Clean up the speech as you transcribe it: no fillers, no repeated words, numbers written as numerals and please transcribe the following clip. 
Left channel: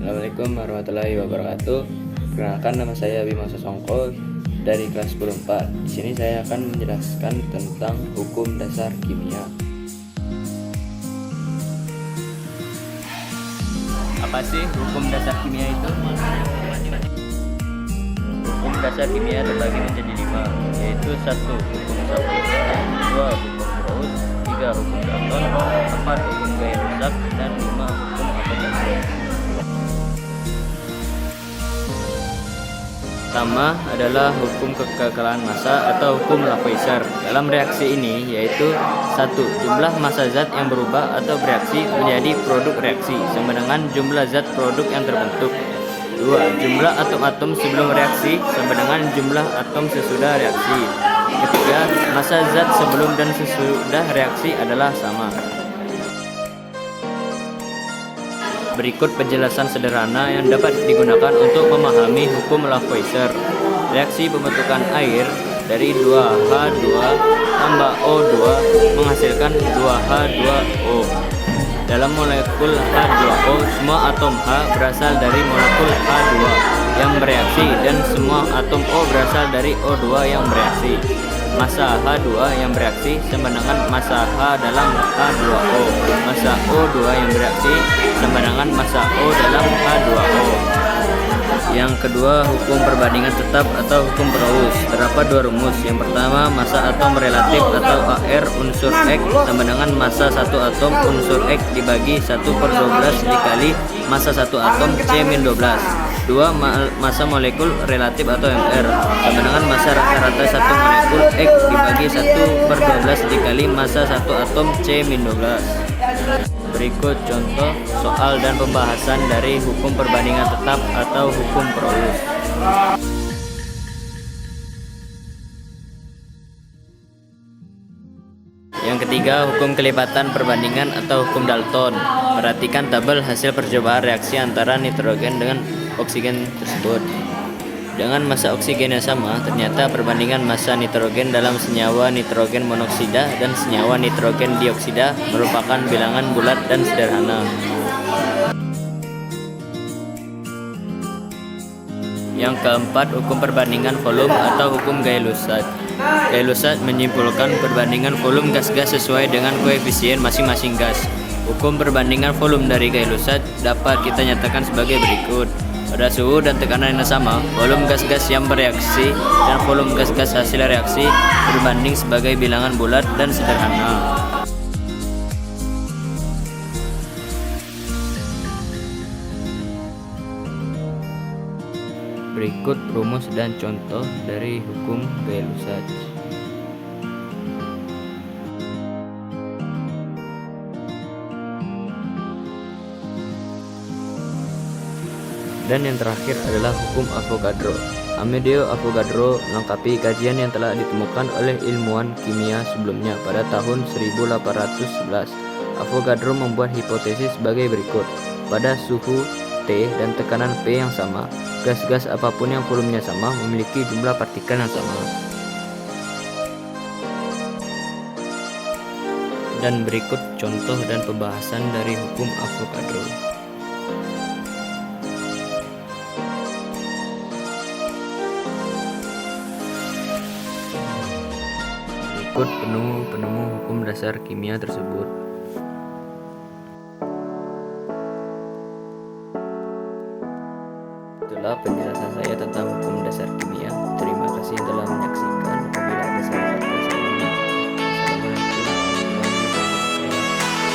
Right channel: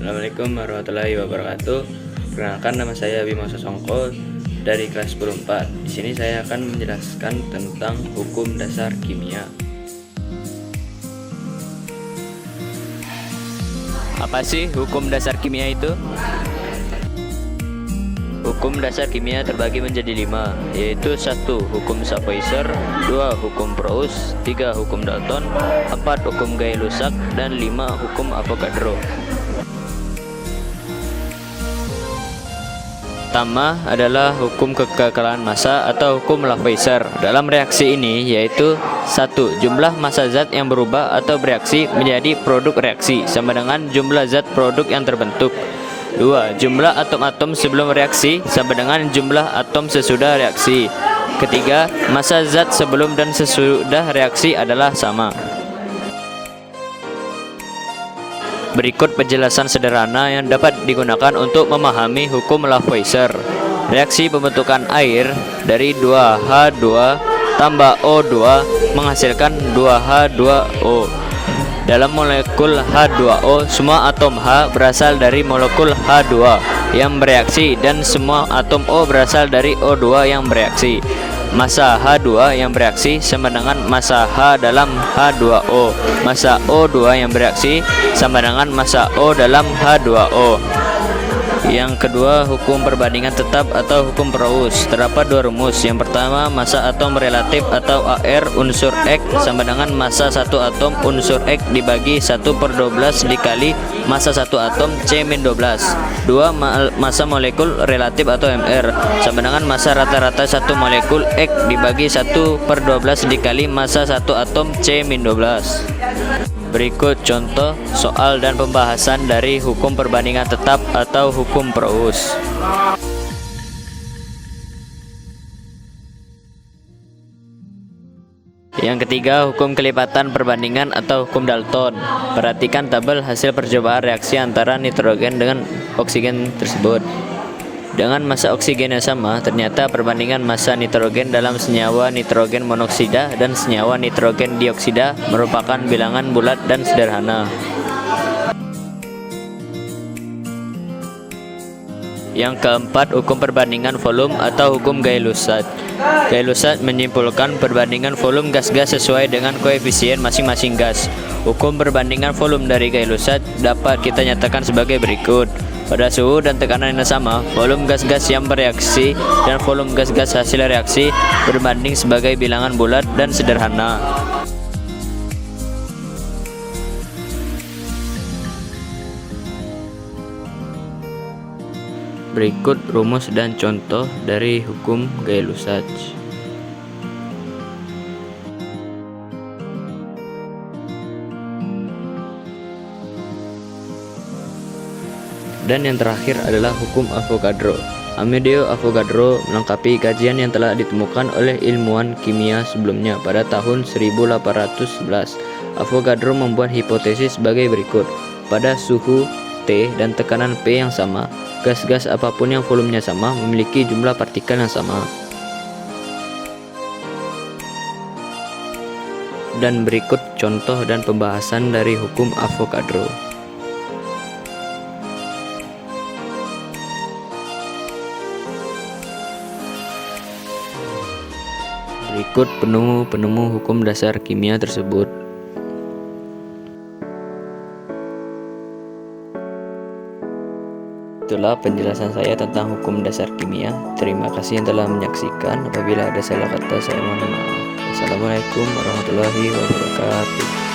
Assalamualaikum warahmatullahi wabarakatuh. Perkenalkan, nama saya Bima Sosongko dari kelas 10-4. Di sini saya akan menjelaskan tentang hukum dasar kimia. Apa sih hukum dasar kimia itu? Hukum dasar kimia terbagi menjadi 5, yaitu 1. Hukum Savoyser, 2. Hukum Proust, 3. Hukum Dalton, 4. Hukum Gay-Lussac, dan 5. Hukum Avogadro. Pertama adalah hukum kekekalan massa atau hukum Lavoisier. Dalam reaksi ini yaitu 1. Jumlah massa zat yang berubah atau bereaksi menjadi produk reaksi sama dengan jumlah zat produk yang terbentuk. 2. Jumlah atom-atom sebelum reaksi sama dengan jumlah atom sesudah reaksi. Ketiga, massa zat sebelum dan sesudah reaksi adalah sama. Berikut penjelasan sederhana yang dapat digunakan untuk memahami hukum Lavoisier. Reaksi pembentukan air dari 2H2 tambah O2 menghasilkan 2H2O. Dalam molekul H2O, semua atom H berasal dari molekul H2 yang bereaksi dan semua atom O berasal dari O2 yang bereaksi. Massa H2 yang bereaksi sama dengan massa H dalam H2O. Massa O2 yang bereaksi sama dengan massa O dalam H2O. Yang kedua, hukum perbandingan tetap atau hukum Proust. Terdapat 2 rumus. Yang pertama, massa atom relatif atau AR unsur X sama dengan massa satu atom unsur X dibagi 1/12 dikali massa satu atom C-12. 2. Massa molekul relatif atau MR sama dengan massa rata-rata satu molekul X dibagi 1/12 dikali massa satu atom C-12. Berikut contoh soal dan pembahasan dari hukum perbandingan tetap atau hukum Proust. Yang ketiga, hukum kelipatan perbandingan atau hukum Dalton. Perhatikan tabel hasil percobaan reaksi antara nitrogen dengan oksigen tersebut. Dengan massa oksigen yang sama, ternyata perbandingan massa nitrogen dalam senyawa nitrogen monoksida dan senyawa nitrogen dioksida merupakan bilangan bulat dan sederhana. Yang keempat, hukum perbandingan volume atau hukum Gay-Lussac. Gay-Lussac menyimpulkan perbandingan volume gas-gas sesuai dengan koefisien masing-masing gas. Hukum perbandingan volume dari Gay-Lussac dapat kita nyatakan sebagai berikut. Pada suhu dan tekanan yang sama, volume gas-gas yang bereaksi dan volume gas-gas hasil reaksi berbanding sebagai bilangan bulat dan sederhana. Berikut rumus dan contoh dari hukum Gay-Lussac. Dan yang terakhir adalah hukum Avogadro. Amedeo Avogadro melengkapi kajian yang telah ditemukan oleh ilmuwan kimia sebelumnya pada tahun 1811. Avogadro membuat hipotesis sebagai berikut. Pada suhu T dan tekanan P yang sama, gas-gas apapun yang volumenya sama memiliki jumlah partikel yang sama. Dan berikut contoh dan pembahasan dari hukum Avogadro. Berikut penemu hukum dasar kimia tersebut. Itulah penjelasan saya tentang hukum dasar kimia. Terima kasih yang telah menyaksikan. Apabila ada salah kata, saya mohon maaf. Assalamualaikum warahmatullahi wabarakatuh.